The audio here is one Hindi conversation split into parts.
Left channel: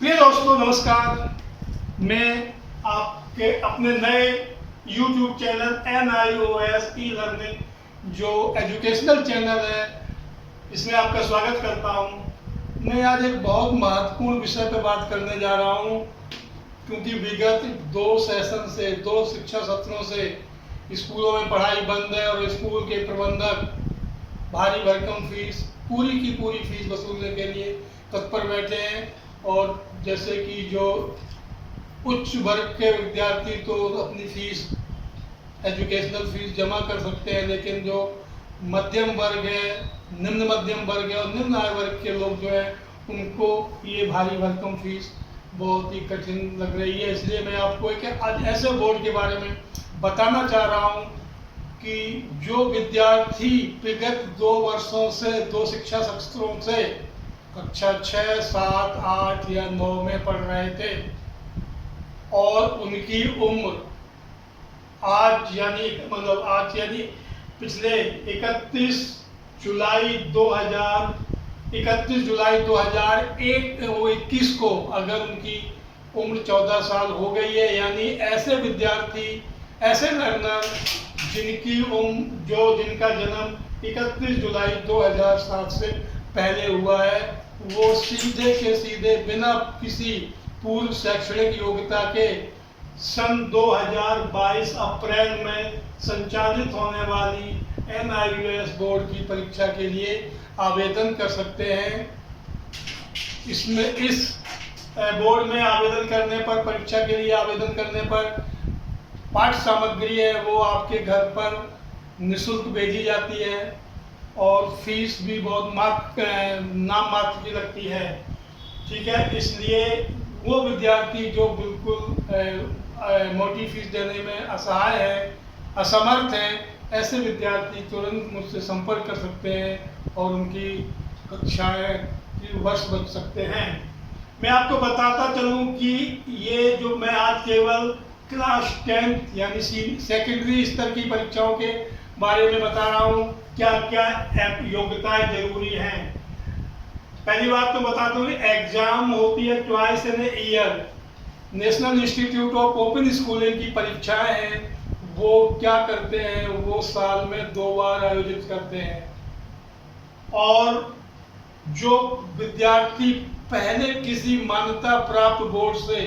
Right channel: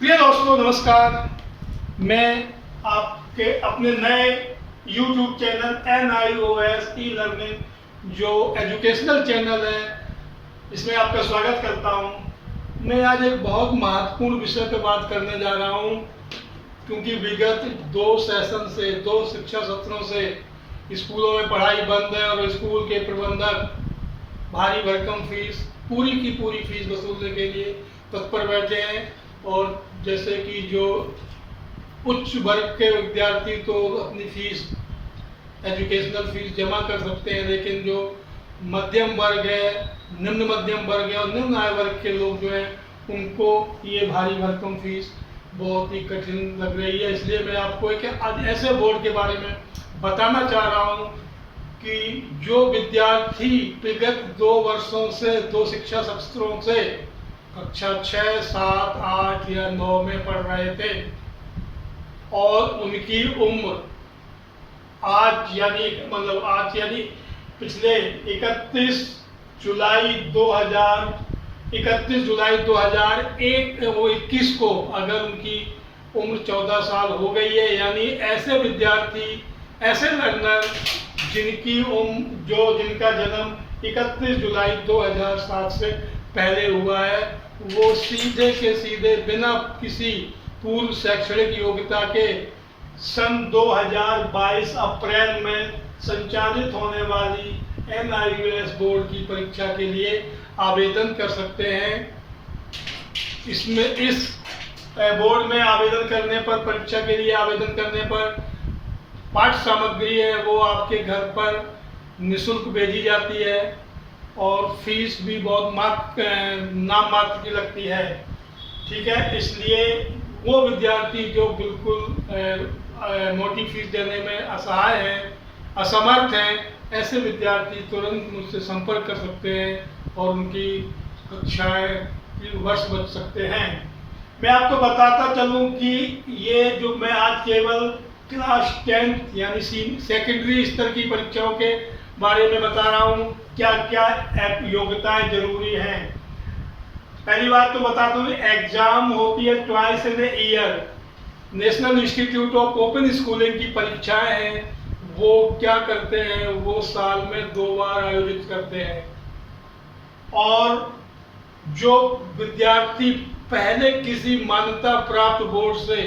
प्रिय दोस्तों नमस्कार। मैं आपके अपने नए YouTube channel NIOS e learning जो एजुकेशनल चैनल है इसमें आपका स्वागत करता हूं। मैं आज एक बहुत महत्वपूर्ण विषय पर बात करने जा रहा हूं क्योंकि विगत 2 सेशन से 2 शिक्षा सत्रों से स्कूलों में पढ़ाई बंद है और स्कूल के प्रबंधक भारी भरकम फीस पूरी की पूरी फीस वसूलने के लिए तत्पर बैठे हैं। और जैसे कि जो उच्च वर्ग के विद्यार्थी तो अपनी फीस एजुकेशनल फीस जमा कर सकते हैं, लेकिन जो मध्यम वर्ग है, निम्न मध्यम वर्ग है और निम्न आय वर्ग के लोग जो हैं उनको ये भारी भरकम फीस बहुत ही कठिन लग रही है। इसलिए मैं आपको एक आज ऐसे बोर्ड के बारे में बताना चाह रहा हूँ कि जो विद्यार्थी विगत 2 वर्षों से 2 शिक्षा सत्रों से कक्षा 6, 7, 8 या 9 में पढ़ रहे थे और उनकी उम्र आज यानी पिछले 31 जुलाई 2021 को अगर उनकी उम्र 14 साल हो गई है, यानी ऐसे विद्यार्थी, ऐसे लर्नर जिनका जन्म 31 जुलाई 2007 से पहले हुआ है, वो सीधे के सीधे बिना किसी पूर्व शैक्षणिक योग्यता के सन 2022 अप्रैल में संचालित होने वाली NIOS बोर्ड की परीक्षा के लिए आवेदन कर सकते हैं। इस बोर्ड में आवेदन करने पर, परीक्षा के लिए आवेदन करने पर पाठ्य सामग्री है वो आपके घर पर निःशुल्क भेजी जाती है और फीस भी बहुत नाम मात्र की लगती है। ठीक है, इसलिए वो विद्यार्थी जो बिल्कुल मोटी फीस देने में असहाय हैं, असमर्थ हैं, ऐसे विद्यार्थी तुरंत मुझसे संपर्क कर सकते हैं और उनकी कक्षाएं वर्ष बच सकते हैं। मैं आपको बताता चलूं कि ये जो मैं आज केवल क्लास 10 यानी सेकेंडरी स्तर की परीक्षाओं के बारे में बता रहा हूँ, क्या क्या योग्यताएं जरूरी हैं। पहली बात तो बता दूं, एग्जाम होती है twice in a year. National institute of open schooling की परीक्षाएं हैं, वो क्या करते हैं, वो साल में 2 बार आयोजित करते हैं। और जो विद्यार्थी पहले किसी मान्यता प्राप्त बोर्ड से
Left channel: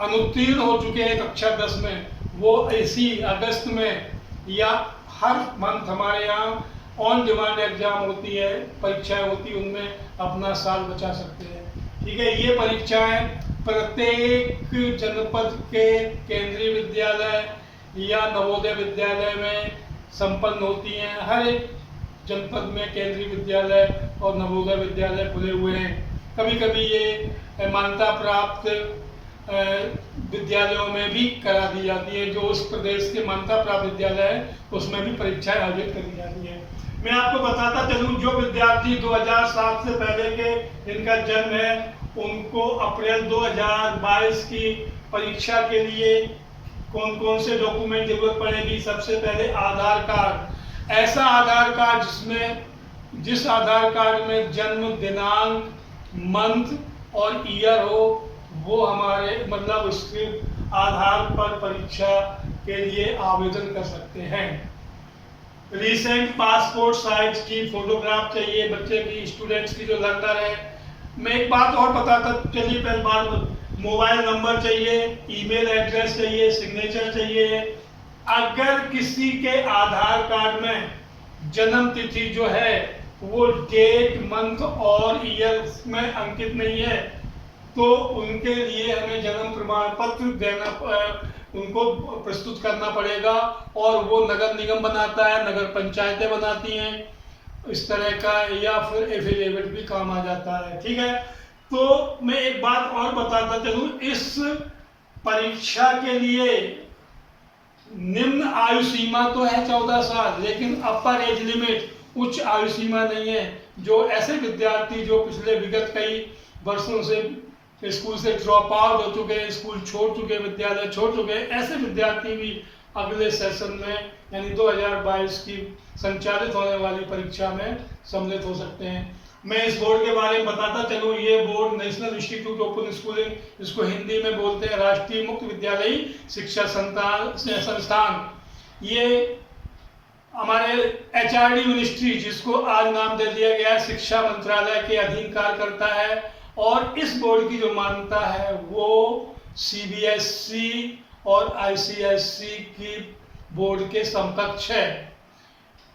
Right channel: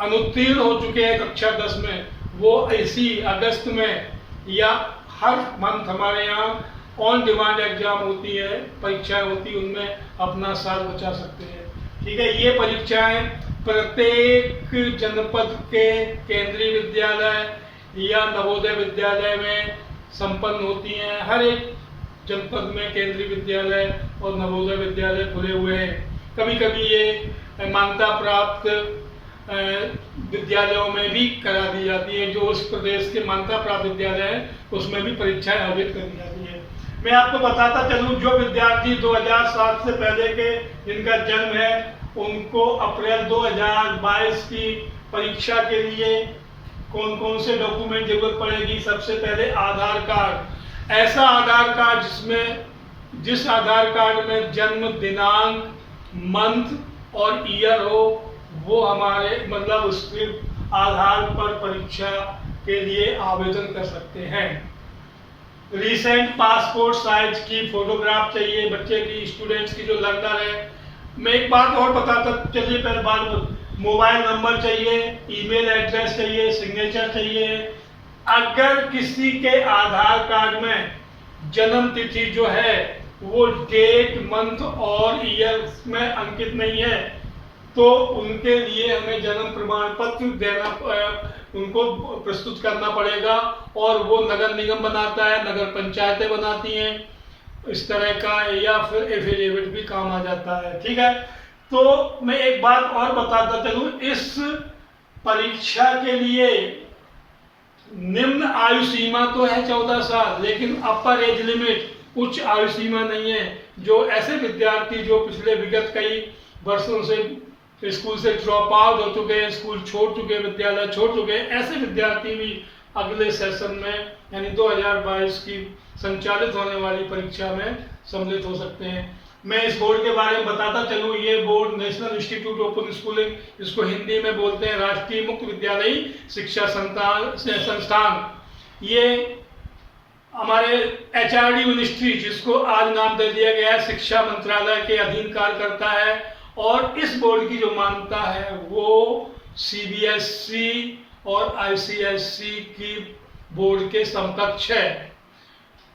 अनुत्तीर्ण हो चुके हैं कक्षा 10 में, वो इसी अगस्त में या हर मंथ हमारे यहाँ ऑन डिमांड एग्जाम होती है, परीक्षाएं होती है, उनमें अपना साल बचा सकते हैं। ठीक है, ये परीक्षाएं प्रत्येक जनपद के केंद्रीय विद्यालय या नवोदय विद्यालय में संपन्न होती हैं। हर एक जनपद में केंद्रीय विद्यालय और नवोदय विद्यालय खुले हुए हैं। कभी कभी ये मान्यता प्राप्त विद्यालयों में भी करा दी जाती है, जो उस प्रदेश के मान्यता प्राप्त विद्यालय है उसमें भी परीक्षाएं आयोजित करी जाती है। मैं आपको बताता चलूं, जो विद्यार्थी 2007 से पहले के जिनका जन्म है उनको अप्रैल 2022 की परीक्षा के लिए कौन कौन से डॉक्यूमेंट जरूरत पड़ेगी। सबसे पहले आधार कार्ड, ऐसा आधार कार्ड जिस आधार कार्ड में जन्म दिनांक, मंथ और ईयर हो, वो हमारे उसके आधार पर परीक्षा के लिए आवेदन कर सकते हैं। रिसेंट पासपोर्ट साइज की फोटोग्राफ चाहिए बच्चे की, स्टूडेंट्स की जो लर्नर है। मैं एक बात और बताता चलिए, पहले बात, मोबाइल नंबर चाहिए, ईमेल एड्रेस चाहिए, सिग्नेचर चाहिए। अगर किसी के आधार कार्ड में जन्म तिथि जो है वो डेट, मंथ और ईयर में अंकित नहीं है तो उनके लिए हमें जन्म प्रमाण पत्र उनको प्रस्तुत करना पड़ेगा और वो नगर निगम बनाता है, नगर पंचायतें बनाती हैं इस तरह का, या फिर एफिडेविट भी काम आ जाता है। ठीक है, तो मैं एक बात और बताता चलूं, इस परीक्षा के लिए निम्न आयु सीमा तो है 14 साल, लेकिन अपर एज लिमिट, उच्च आयु सीमा नहीं है। जो ऐसे विद्यार्थी जो पिछले विगत कई वर्षों से स्कूल से ड्रॉप आउट हो चुके हैं, स्कूल छोड़ चुके हैं, विद्यालय छोड़ चुके हैं, ऐसे विद्यार्थी भी अगले सेशन में यानी 2022 की संचालित होने वाली परीक्षा में सम्मिलित हो सकते हैं। मैं इस बोर्ड के बारे में बताता चलूँ। ये board national institute open schooling, इसको हिंदी में बोलते हैं राष्ट्रीय मुक्त विद्यालयी शिक्षा संस्थान, ये हमारे HRD मिनिस्ट्री, जिसको आज नाम दे दिया गया है, शिक्षा मंत्रालय के अधीन कार्य करता है। और इस बोर्ड की जो मान्यता है वो CBSE और ICSE की बोर्ड के समकक्ष है।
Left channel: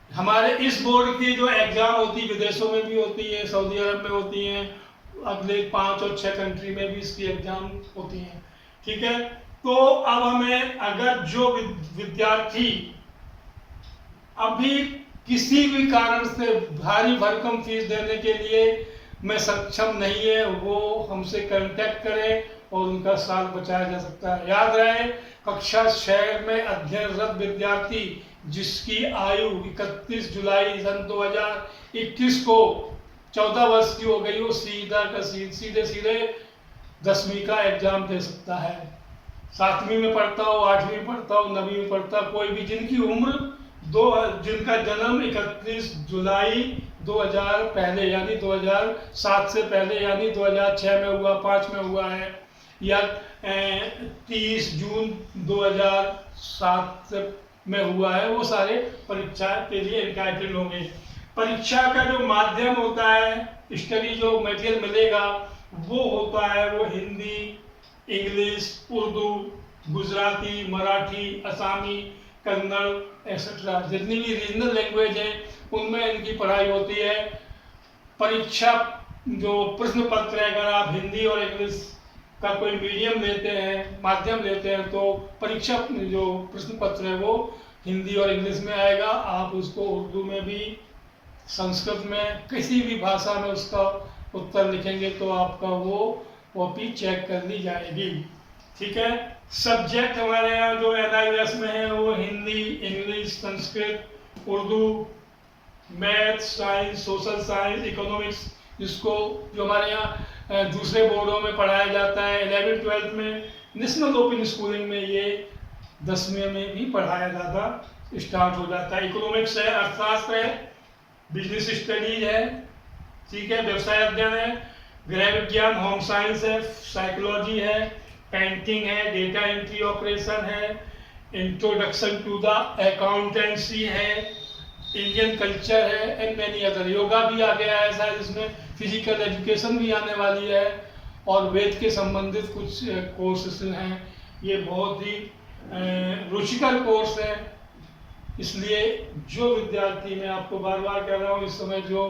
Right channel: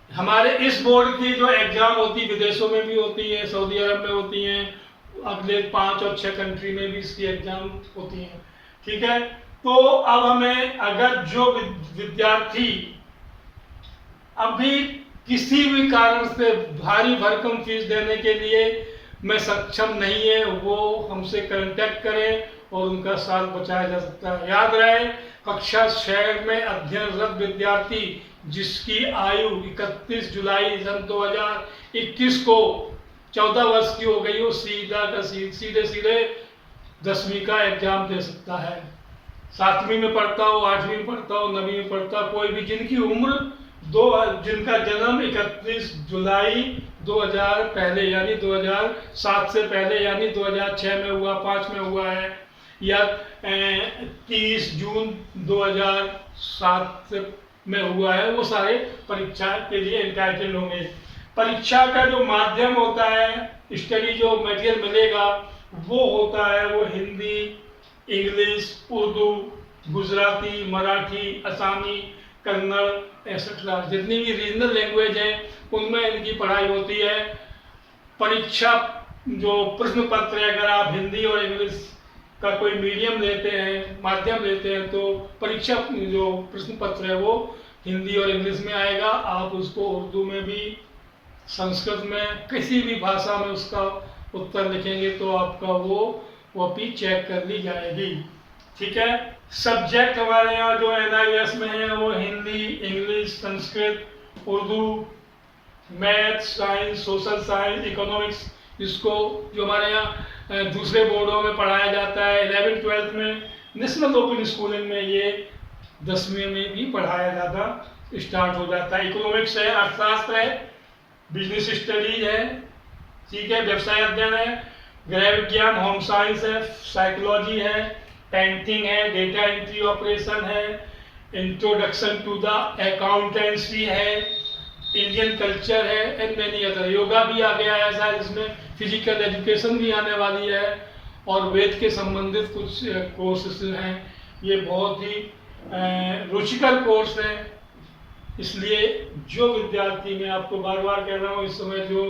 हमारे इस बोर्ड की जो एग्जाम होती है विदेशों में भी होती है, सऊदी अरब में होती हैं, अगले 5 और 6 कंट्री में भी इसकी एग्जाम होती हैं। ठीक है, तो अब हमें अगर जो विद्यार्थी अभी किसी भी कारण से भारी भरकम फीस देने के लिए में सक्षम नहीं है, वो हमसे कांटेक्ट करें और उनका साल बचाया जा सकता है। याद रहे, कक्षा 6 में अध्ययनरत विद्यार्थी जिसकी आयु 31 जुलाई सन 2021 को 14 वर्ष की हो गई हो, सीधे 10वीं का एग्जाम दे सकता है। 7वीं में पढ़ता हो, 8वीं में पढ़ता हो, 9वीं में पढ़ता हो, कोई भी जिनकी उम्र जिनका जन्म 31 जुलाई 2000 पहले यानी 2007 से पहले यानी 2006 में हुआ, 5 में हुआ है, या 30 जून 2007 में हुआ है, वो सारे परीक्षा के लिए एंटाइटल्ड होंगे। परीक्षा का जो माध्यम होता है, स्टडी जो मटेरियल मिलेगा वो होता है वो हिंदी, इंग्लिश, उर्दू, गुजराती, मराठी, असामी, कन्नड़ एक्सेट्रा, जितनी भी रीजनल लैंग्वेज है उनमें इनकी पढ़ाई होती है। परीक्षा जो प्रश्न पत्र है, अगर आप हिंदी और इंग्लिश का कोई मीडियम लेते हैं, माध्यम लेते हैं, तो परीक्षा जो प्रश्न पत्र है वो हिंदी और इंग्लिश में आएगा। आप उसको उर्दू में भी, संस्कृत में, किसी भी भाषा में उसका उत्तर लिखेंगे तो आपका वो कॉपी चेक कर ली जाएगी। ठीक है, सब्जेक्ट हमारे यहाँ जो NIOS में है वो Hindi, English, Sanskrit, Urdu, math, science, social science, economics, जिसको जो हमारे यहाँ दूसरे बोर्डों में पढ़ाया जाता है। 11th 12th में नेशनल ओपन स्कूलिंग में ये 10वीं में भी पढ़ाया जाता स्टार्ट हो जाता है। इकोनॉमिक्स है, अर्थशास्त्र है, बिजनेस स्टडीज है, ठीक है, व्यवसाय अध्ययन है, गृह विज्ञान, होम साइंस है, साइकोलॉजी है, पेंटिंग है, डेटा एंट्री ऑपरेशन है, इंट्रोडक्शन टू द अकाउंटेंसी है, इंडियन कल्चर है, एंड मैनी अदर। योगा भी आ गया है ऐसा, जिसमें फिजिकल एजुकेशन भी आने वाली है, और वेद के संबंधित कुछ कोर्सेस हैं। ये बहुत ही रुचिकर कोर्स है, इसलिए जो विद्यार्थी, मैं आपको बार बार कह रहा हूँ, इस समय जो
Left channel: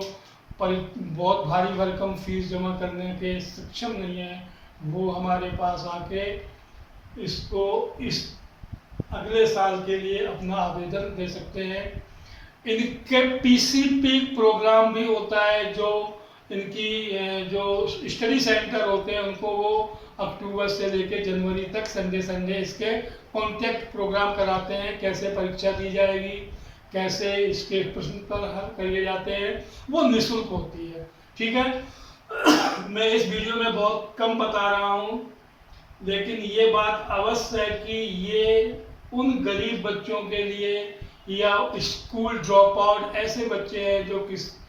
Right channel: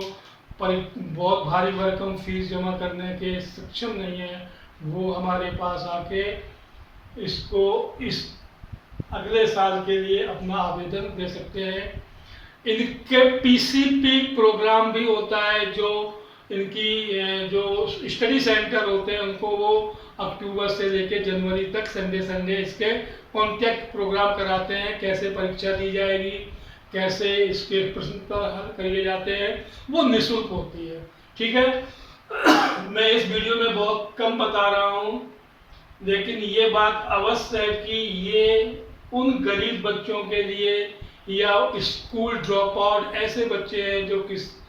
बहुत भारी भरकम फीस जमा करने के सक्षम नहीं है, वो हमारे पास आके इसको इस अगले साल के लिए अपना आवेदन दे सकते हैं। इनके PCP प्रोग्राम भी होता है, जो इनकी जो स्टडी सेंटर होते हैं उनको वो अक्टूबर से लेके जनवरी तक संडे इसके कॉन्टैक्ट प्रोग्राम कराते हैं। कैसे परीक्षा दी जाएगी, कैसे इसके प्रश्न पर हल करे जाते हैं, वो निःशुल्क होती है। ठीक है, मैं इस वीडियो में बहुत कम बता रहा हूँ, लेकिन ये बात अवश्य है कि ये उन गरीब बच्चों के लिए या स्कूल ड्रॉप आउट ऐसे बच्चे हैं जो किस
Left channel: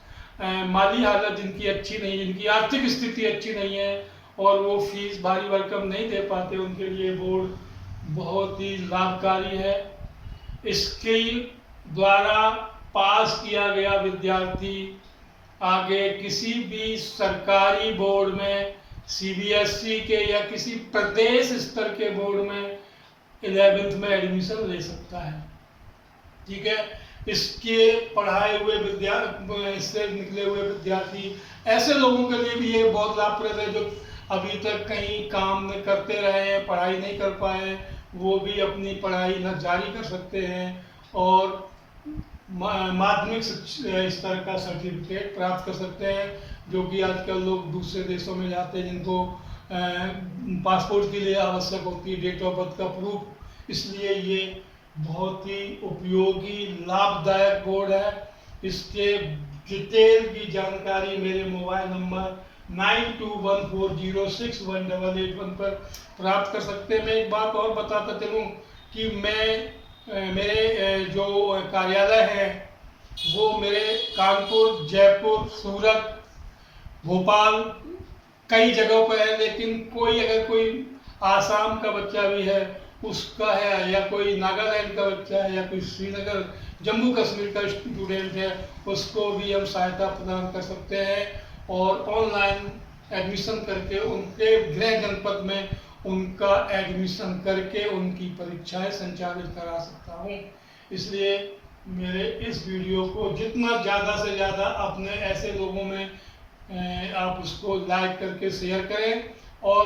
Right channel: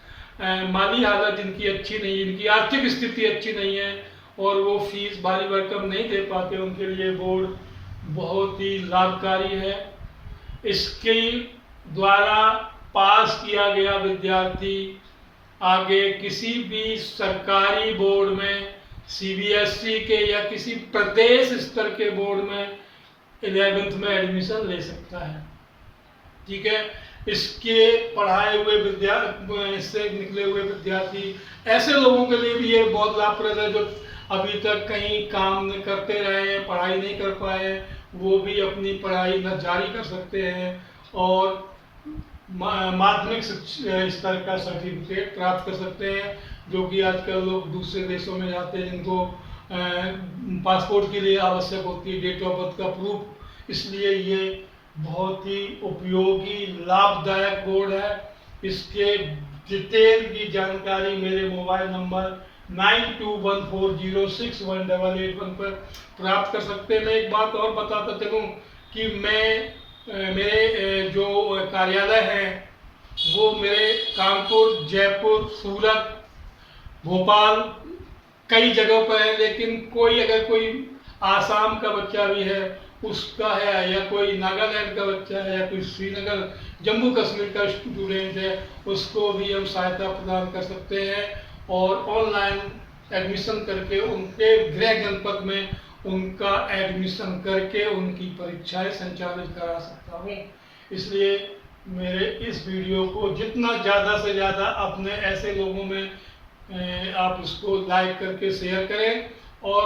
माली हालत जिनकी अच्छी नहीं है, जिनकी आर्थिक स्थिति अच्छी नहीं है और वो फीस भारी भरकम नहीं दे पाते, उनके लिए बोर्ड बहुत ही लाभकारी है। इसके द्वारा पास किया गया विद्यार्थी आगे किसी भी सरकारी बोर्ड में, CBSE के या किसी प्रदेश स्तर के बोर्ड में 11th में एडमिशन ले सकता है। ठीक है, इसके पढ़ाए हुए इससे निकले हुए विद्यार्थी, ऐसे लोगों के लिए भी ये बहुत लाभप्रद है जो अभी तक कहीं काम करते रहे हैं, पढ़ाई नहीं कर पाए, वो भी अपनी पढ़ाई न जारी कर सकते हैं और माध्यमिक स्तर का सर्टिफिकेट प्राप्त कर सकते हैं, जो कि आजकल लोग दूसरे देशों में जाते हैं जिनको पासपोर्ट के लिए आवश्यक होती है डेट ऑफ बर्थ का प्रूफ। इसलिए ये बहुत ही उपयोगी लाभदायक बोर्ड है। इसके डिटेल की जानकारी मेरे मोबाइल नंबर 9214061881 पर प्राप्त कर सकते हैं। मैं एक बात और बताता चलूँ कि मेरे जो कार्यालय है वो मेरे कानपुर, जयपुर, सूरत, भोपाल कई जगहों पर है, लेकिन कोई अगर कोई आसाम का बच्चा भी है उसका है, या कोई नागालैंड का बच्चा है, या कोई श्रीनगर जम्मू कश्मीर का स्टूडेंट है, उसको भी हम सहायता प्रदान कर सकते हैं और ऑनलाइन एडमिशन करके उनके गृह जनपद में उनका एडमिशन करके उनकी परीक्षाएं संचालित करा सकता हूं। इसलिए मेरे इस वीडियो को जितना ज़्यादा से ज़्यादा अपने ऐसे लोगों में आप उसको लाइक करके शेयर करें, और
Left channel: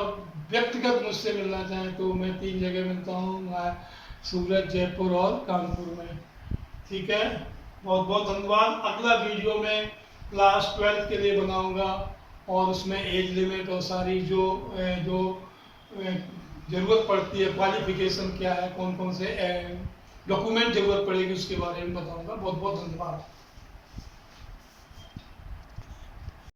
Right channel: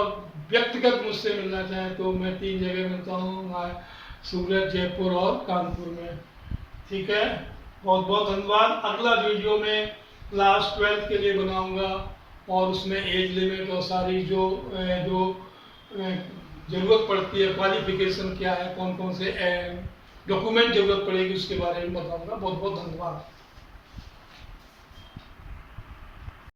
व्यक्तिगत मुझसे मिलना चाहें तो मैं 3 जगह मिलता हूँ, सूरत, जयपुर और कानपुर में। ठीक है, बहुत बहुत धन्यवाद। अगला वीडियो में क्लास 12 के लिए बनाऊंगा और उसमें एज लिमिट और सारी जो ज़रूरत पड़ती है, क्वालिफिकेशन क्या है, कौन कौन से डॉक्यूमेंट ज़रूरत पड़ेगी उसके बारे में बताऊंगा। बहुत बहुत धन्यवाद।